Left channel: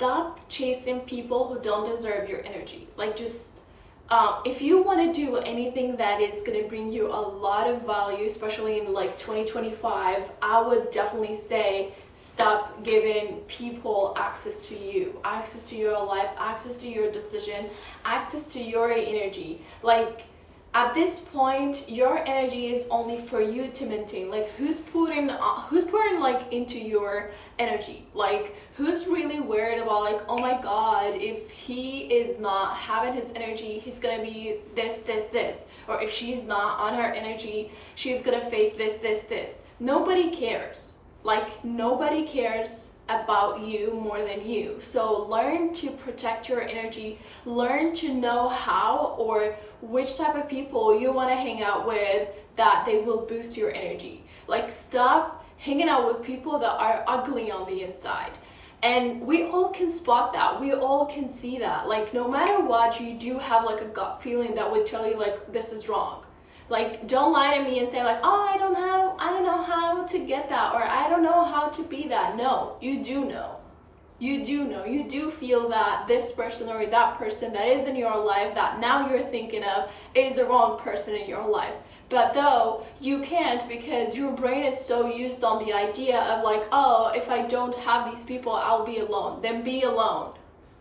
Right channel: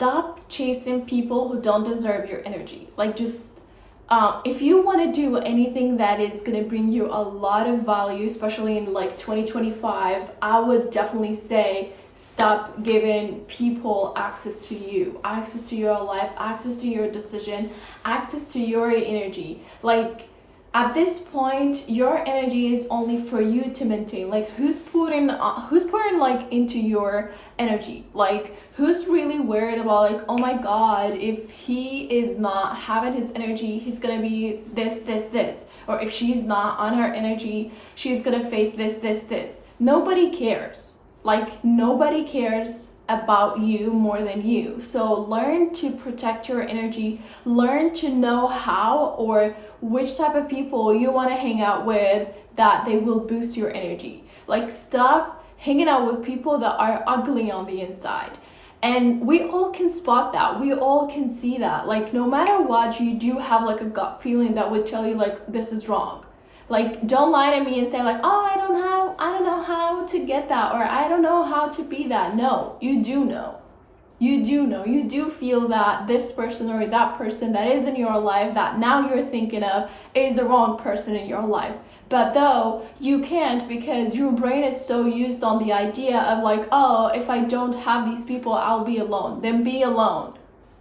stop chasing people who don't deserve your energy. Like, just if you want to do anything that is going to bring you a lot of value, especially in like 2025, I would definitely say stop giving people access to you, access to your life, access to your decision, access to your energy. Like, at this point, your energy is only for you to maintain. Like, who's pouring like into your energy? Like, who's really worried about, like, oh my god, if he is not having his energy, he's gonna be this, or if she's not on her energy, she's gonna face this. Nobody cares. Like, nobody cares about you more than you. So learn to protect your energy, learn to know how or which type of people you want to hang out with that they will boost your energy. Like, stop hanging out with people that are ugly on the inside. And we all can spot that, we all can see that. Like, no matter what, you do have like a gut feeling that would tell you like this is wrong. Like, don't lie to me and say like, oh, I don't know how to get that, or I don't know how to be that. No, you do know. You do know. You do feel that this person or that person that is in your life that now you're thinking of is the wrong person in your life. But though you can't, because your brain is so used on the idea of like, oh, if I don't have these people, I'll be alone. Then be alone.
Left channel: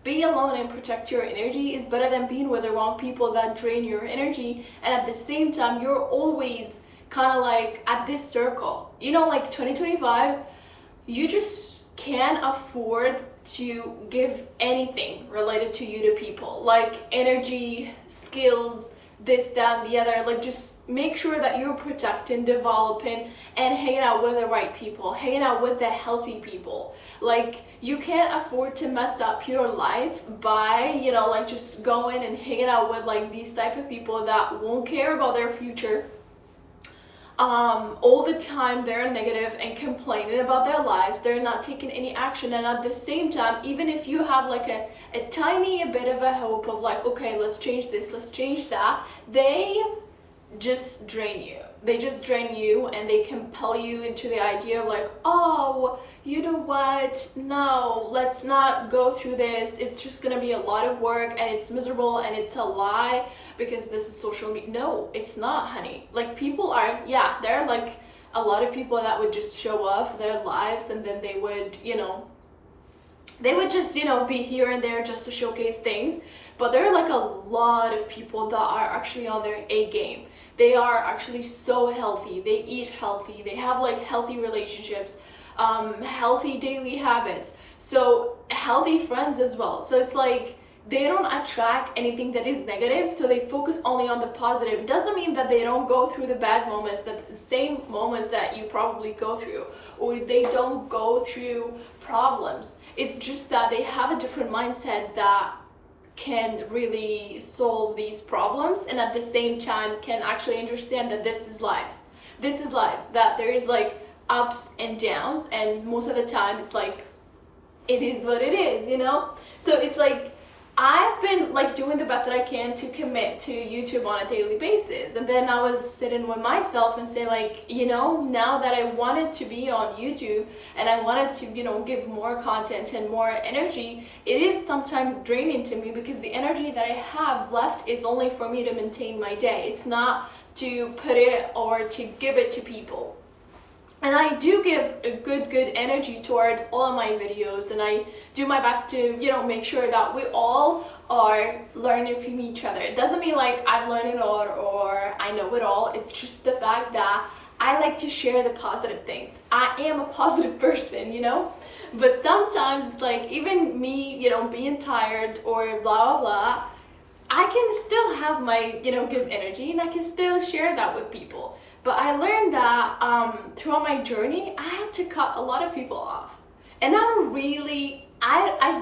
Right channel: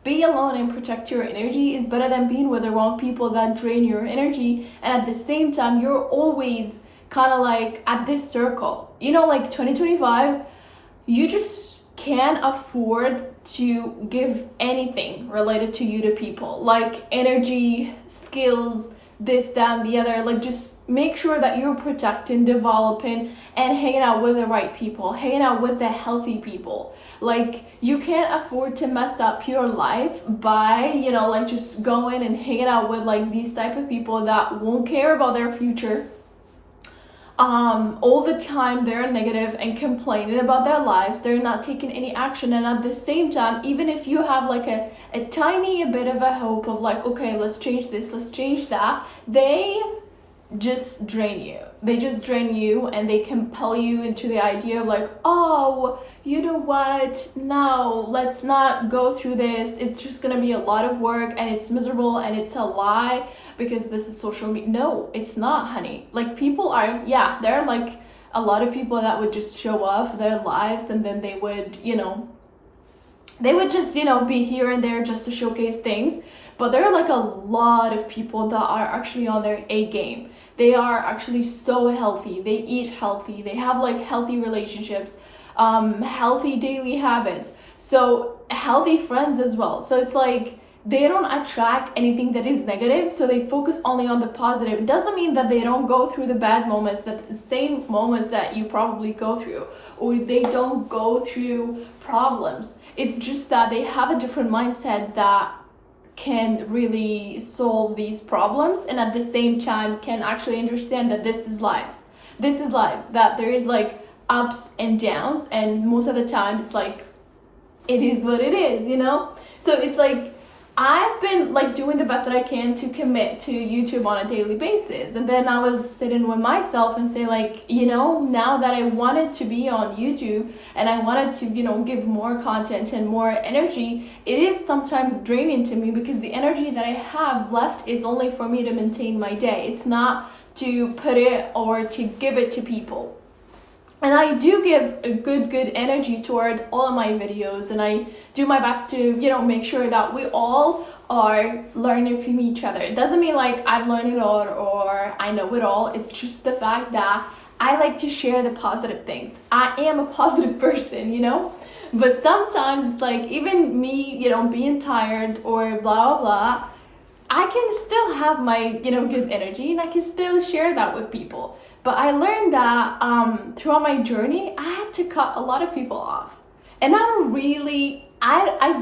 Be alone and protect your energy is better than being with the wrong people that drain your energy. And at the same time, you're always kind of like at this circle. You know, like 2025, you just can't afford to give anything related to you to people. Like energy, skills, this, that, and the other. Like, just make sure that you're protecting, developing, and hanging out with the right people, hanging out with the healthy people. Like, you can't afford to mess up your life by, you know, like just going and hanging out with like these type of people that won't care about their future. All the time they're negative and complaining about their lives, they're not taking any action, and at the same time, even if you have like a tiny bit of a hope of like, okay, let's change this, let's change that, they just drain you. They just drain you and they compel you into the idea of like, oh, you know what, no, let's not go through this, it's just gonna be a lot of work and it's miserable and it's a lie because this is social media. No, it's not, honey. Like, people are, yeah, there are like a lot of people that would just show off their lives, and then they would, you know, they would just, you know, be here and there just to showcase things. But there are like a lot of people that are actually on their A game. They are actually so healthy, they eat healthy, they have like healthy relationships, healthy daily habits, so healthy friends as well. So it's like, they don't attract anything that is negative, so they focus only on the positive. It doesn't mean that they don't go through the bad moments, that the same moments that you probably go through, or they don't go through problems. It's just that they have a different mindset that can really solve these problems, and at the same time can actually understand that this is life, that there is like ups and downs, and most of the time it's like, it is what it is, you know. So it's like, I've been like doing the best that I can to commit to YouTube on a daily basis, and then I was sitting with myself and say like, you know, now that I wanted to be on YouTube and I wanted to, you know, give more content and more energy, it is sometimes draining to me because the energy that I have left is only for me to maintain my day. It's not to put it or to give it to people. And I do give a good energy toward all of my videos, and I do my best to, you know, make sure that we all are learning from each other. It doesn't mean like I've learned it all or I know it all. It's just the fact that I like to share the positive things. I am a positive person, you know? But sometimes it's like, even me, you know, being tired or blah, blah, blah, I can still have my, you know, good energy, and I can still share that with people. But I learned that throughout my journey, I had to cut a lot of people off. And I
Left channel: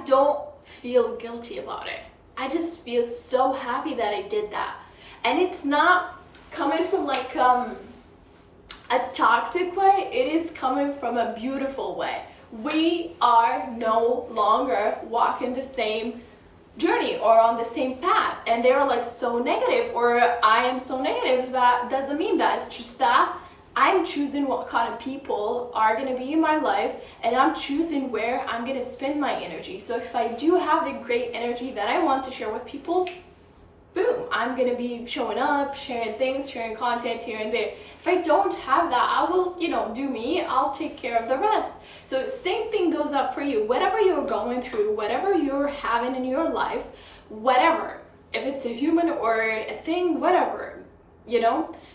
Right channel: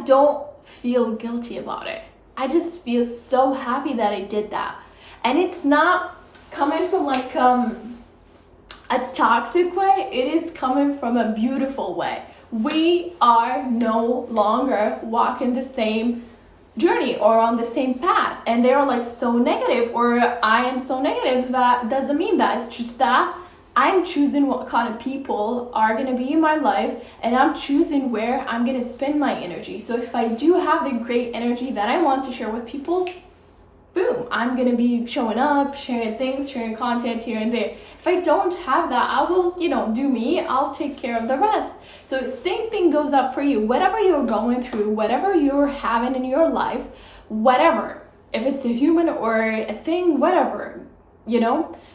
don't feel guilty about it. I just feel so happy that I did that. And it's not coming from like a toxic way, it is coming from a beautiful way. We are no longer walking the same journey or on the same path, and they're like so negative, or I am so negative. That doesn't mean that. It's just that I'm choosing what kind of people are going to be in my life, and I'm choosing where I'm going to spend my energy. So if I do have the great energy that I want to share with people, boom, I'm going to be showing up, sharing things, sharing content here and there. If I don't have that, I will, do me. I'll take care of the rest. So same thing goes up for you. Whatever you're going through, whatever you're having in your life, whatever, if it's a human or a thing, whatever,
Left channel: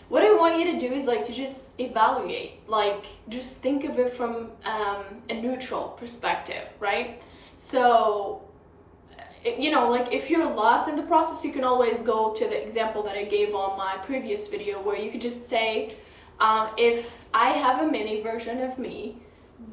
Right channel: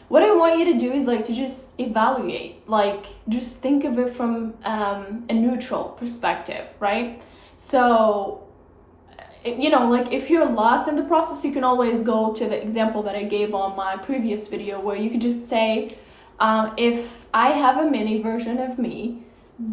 what I want you to do is like to just evaluate, like just think of it from a neutral perspective, right? So, like if you're lost in the process, you can always go to the example that I gave on my previous video, where you could just say, if I have a mini version of me,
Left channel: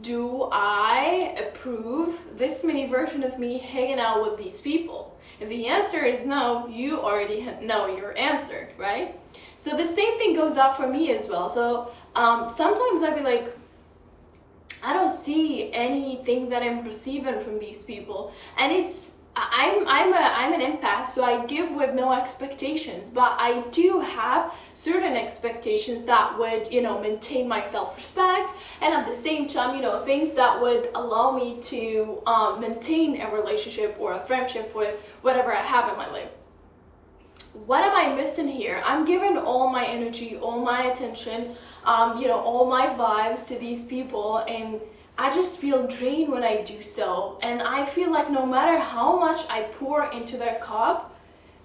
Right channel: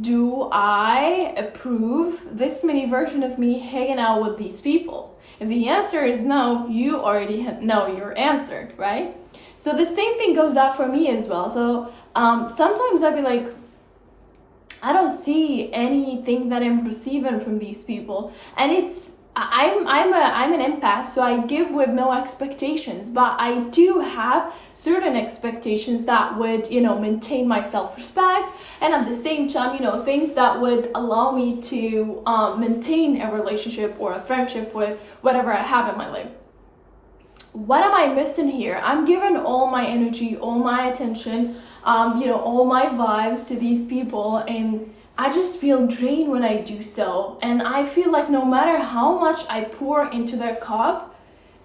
do I approve this mini version of me hanging out with these people? If the answer is no, you already know your answer, right? So the same thing goes out for me as well. So sometimes I'd be like, I don't see anything that I'm receiving from these people, and I'm an empath, so I give with no expectations, but I do have certain expectations that would, maintain my self-respect, and at the same time, things that would allow me to maintain a relationship or a friendship with whatever I have in my life. What am I missing here? I'm giving all my energy, all my attention, all my vibes to these people, and I just feel drained when I do so. And I feel like no matter how much I pour into their cup,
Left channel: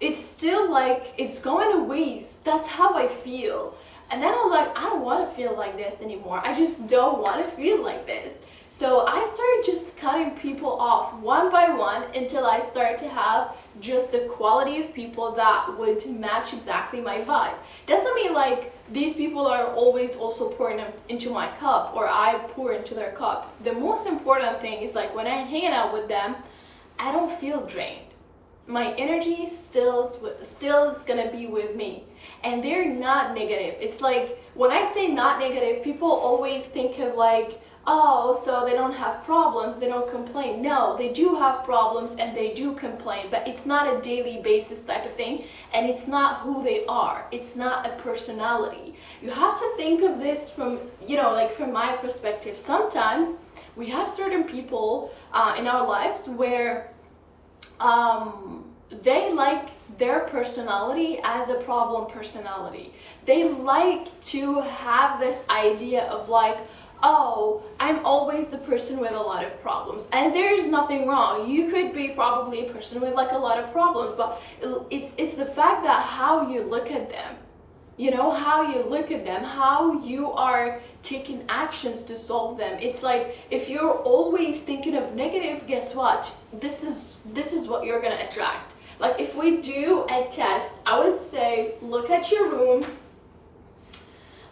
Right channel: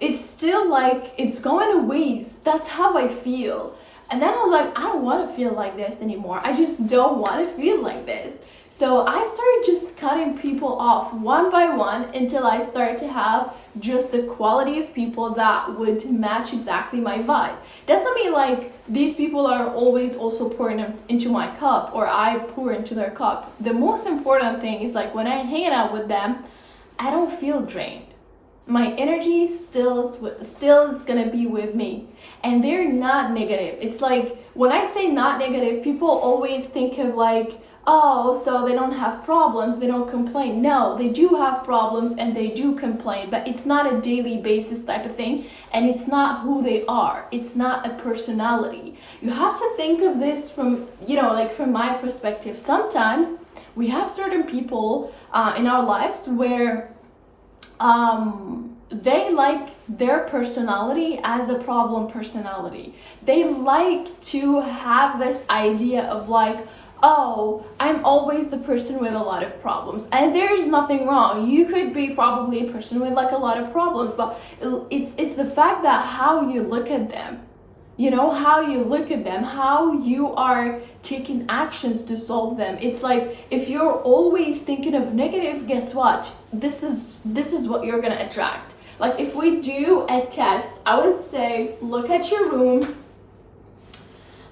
it's still like it's going to waste. That's how I feel. And then I was like, I don't want to feel like this anymore. I just don't want to feel like this. So I started just cutting people off one by one until I started to have just the quality of people that would match exactly my vibe. Doesn't mean like these people are always also pouring into my cup or I pour into their cup. The most important thing is like when I hang out with them, I don't feel drained. My energy still is gonna be with me, and they're not negative. It's like when I say not negative, people always think of like, oh, so they don't have problems, they don't complain. No, they do have problems and they do complain, but it's not a daily basis type of thing, and it's not who they are. It's not a personality. You have to think of this from, like from my perspective. Sometimes we have certain people in our lives where they like their personality as a problem personality. They like to have this idea of like, oh, I'm always the person with a lot of problems, and there's nothing wrong. You could be probably a person with like a lot of problems, but it's the fact that how you look at them, how you look at them, how you are taking actions to solve them. It's like if you're always thinking of negative, guess what? This is what you're gonna attract. Like if we do a test, I would say look at your room,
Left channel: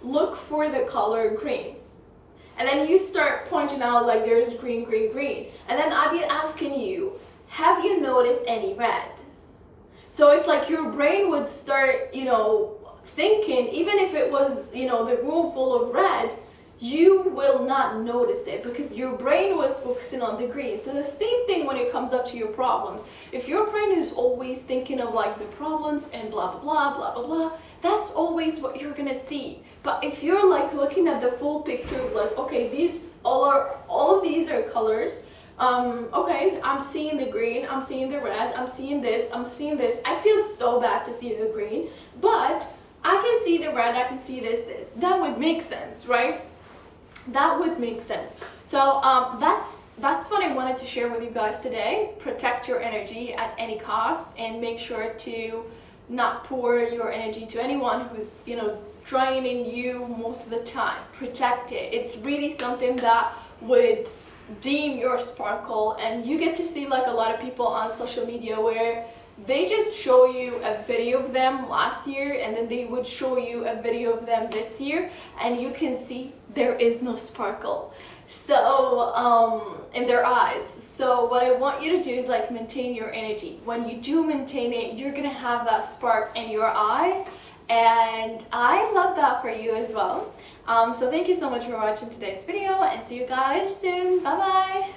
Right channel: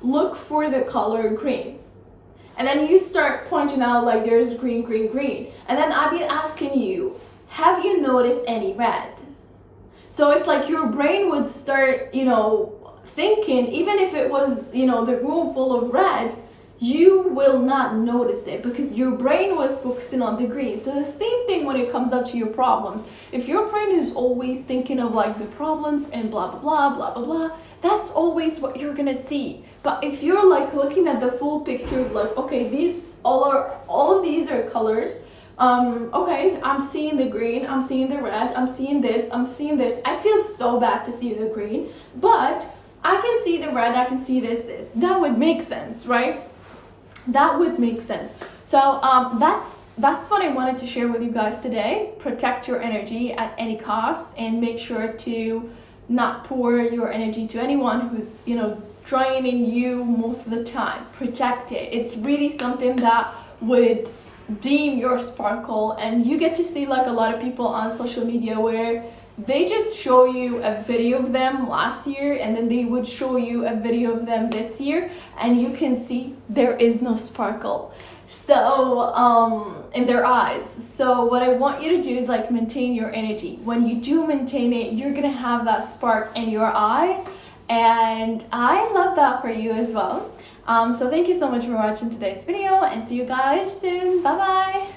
look for the color green. And then you start pointing out like there's green, green, green. And then I'll be asking you, have you noticed any red? So it's like your brain would start, thinking, even if it was, the room full of red, you will not notice it because your brain was focusing on the green. So the same thing when it comes up to your problems. If your brain is always thinking of like the problems and blah, blah, blah, blah, blah, blah, that's always what you're gonna see. But if you're like looking at the full picture of like, okay, all of these are colors. Okay, I'm seeing the green, I'm seeing the red, I'm seeing this, I'm seeing this. I feel so bad to see the green, but I can see the red, I can see this. That would make sense, right? That would make sense. So that's what I wanted to share with you guys today. Protect your energy at any cost, and make sure to not pour your energy to anyone who's, draining you most of the time. Protect it. It's really something that would dim your sparkle, and you get to see like a lot of people on social media where they just show you a video of them last year and then they would show you a video of them this year, and you can see there is no sparkle in their eyes. So what I want you to do is like maintain your energy. When you do maintain it, you're gonna have that spark in your eye, and I love that for you as well. So thank you so much for watching today's video, and see you guys soon. Bye bye.